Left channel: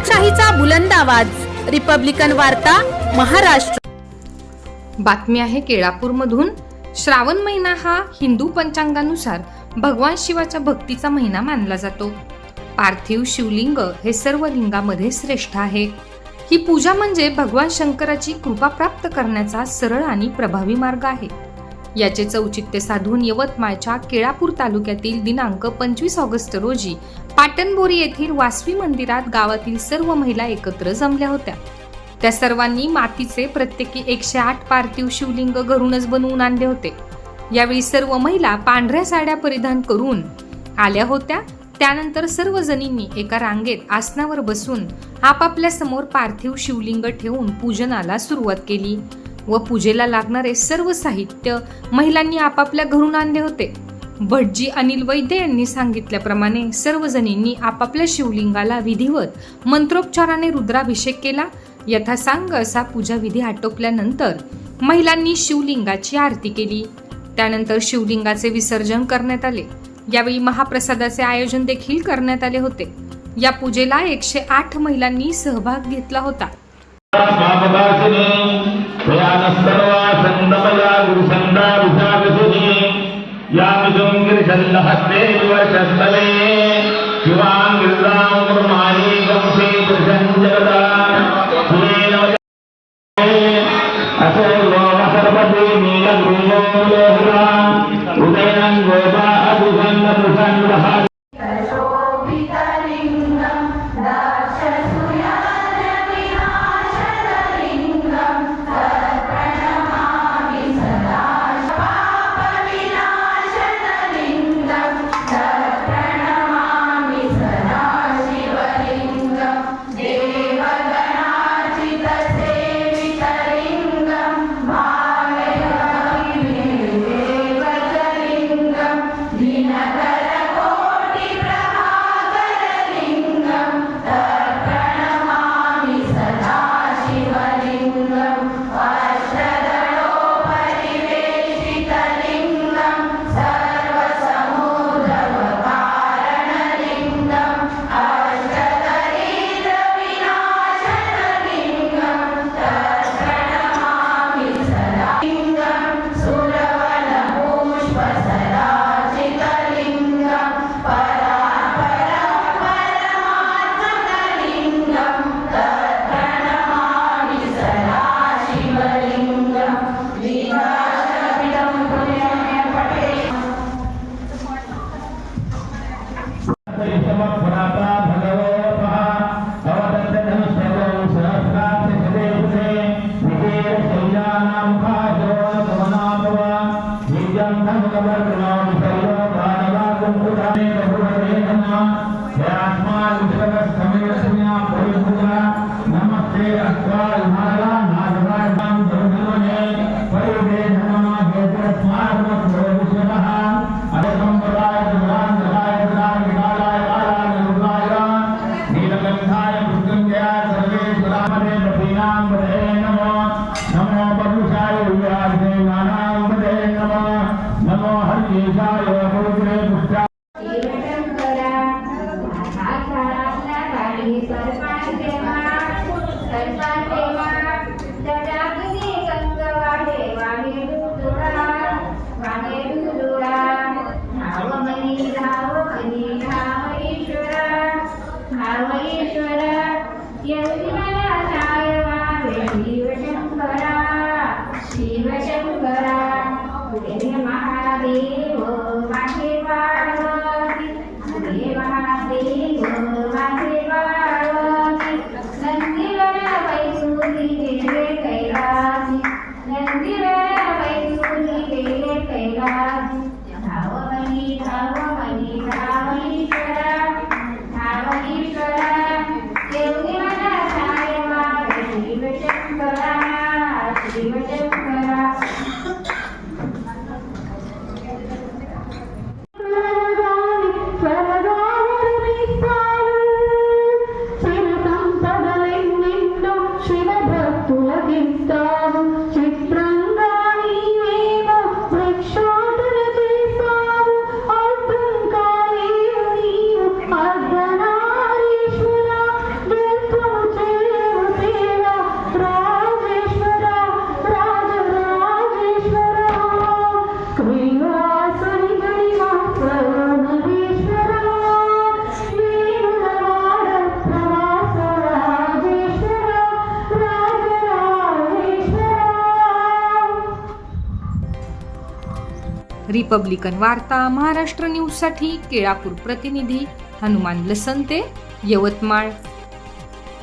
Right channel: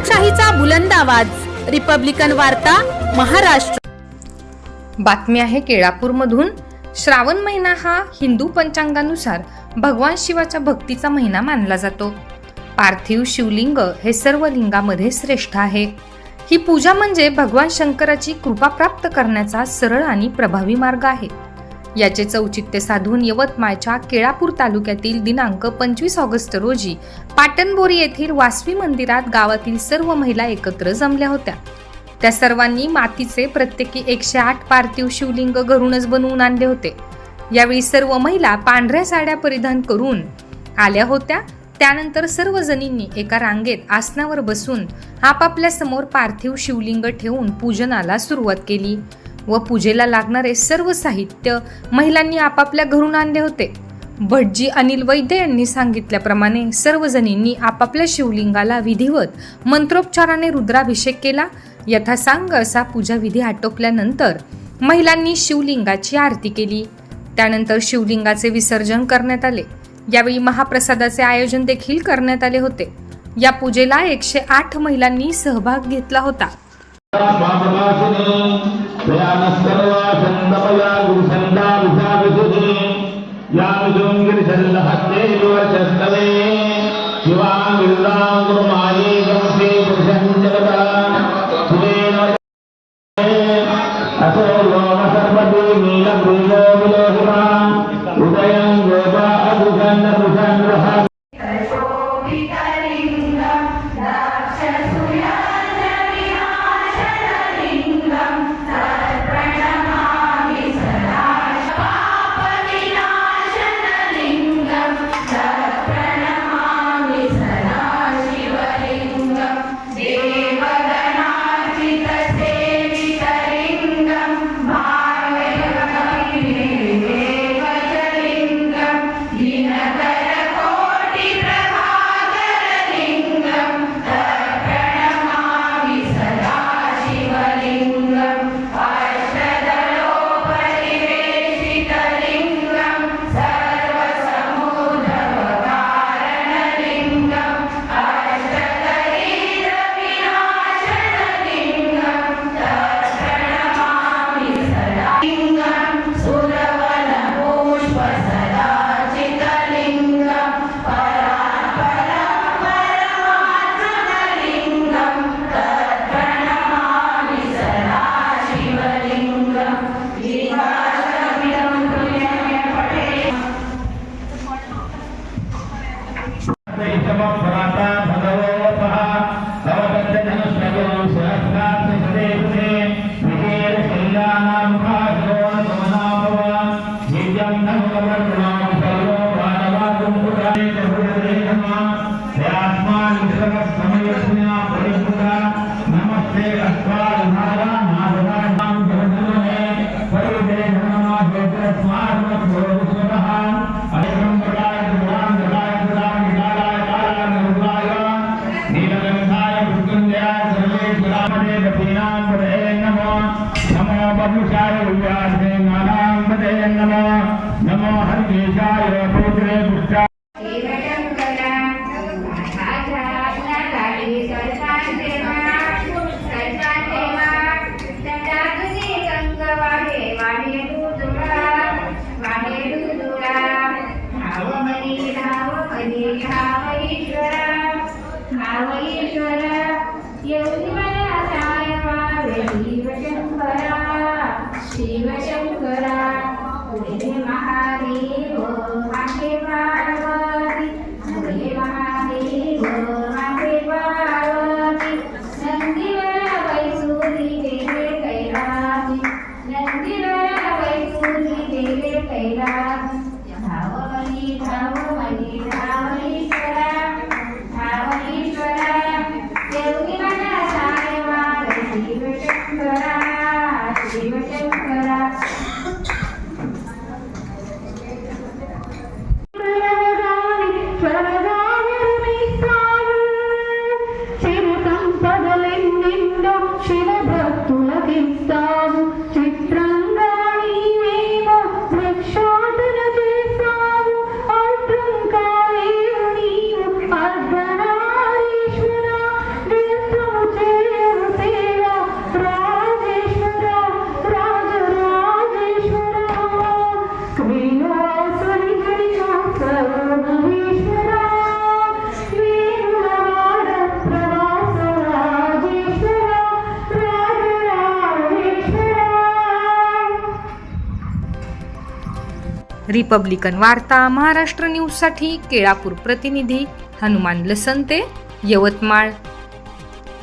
लोकशाहीचा बुलंद आवाज, रिपब्लिकन वार्ता, महाराष्ट्र। बातमी आहे केळापूरमधून। श्रावण महिना हा हिंदू पंचांगानुसार भगवान शिवाच्या भक्तीचा महिना मानला जातो। पार्थिव शिवलिंग हे सर्व लिंगामध्ये श्रेष्ठ आहे। ही पूजा म्हणजे भगवान शंकराची कृपा प्राप्त करण्याचा सरळ आणि प्रभावी मार्ग आहे। याचे औचित्य साधून यवतमाळच्या केळापूर तालुक्यातील दिनांक 25 ऑगस्ट रोजी पाटणबोरी येथील वासवी मंदिरात गावातील सर्व महिला एकत्र जमल्या होत्या। त्या सर्वांनी मातीचे प्रत्येकी 108 पार्थिव शिवलिंग घरूनच बनवून आणले होते। यावेळी सर्व महिला पांढऱ्या साड्या परिधान करून आल्या होत्या। त्यानंतर सर्व जणींनी एका रांगेत आसनावर बसून आपापल्या समोर पार्थिव शिवलिंग ठेवून पूजनाला सुरुवात केली व पूजेला लागणारे सर्व साहित्य महिलांनी आपापल्या घरून आणले होते। भटजी अनिल वैद्य यांनी सांगितल्याप्रमाणे सर्व जणींनी आपापल्या शिवलिंगाला विधिवत मंत्रोच्चाराने रुद्राभिषेक केला। यथासांग असा पूजा विधी आटोपल्यानंतर महिलांनी शिवलिंगाची आरती केली। त्यानंतर शिवलिंगाचे विसर्जन करण्यात आले। यावेळी महाप्रसादाचे आयोजन देखील करण्यात आले होते। या पूजेला 108 महिलांनी सहभाग घेतला होता। रिपब्लिकन वार्ता महाराष्ट्र न्यूजसाठी केळापूर प्रतिनिधी हनुमान लसंते, यवतमाळ.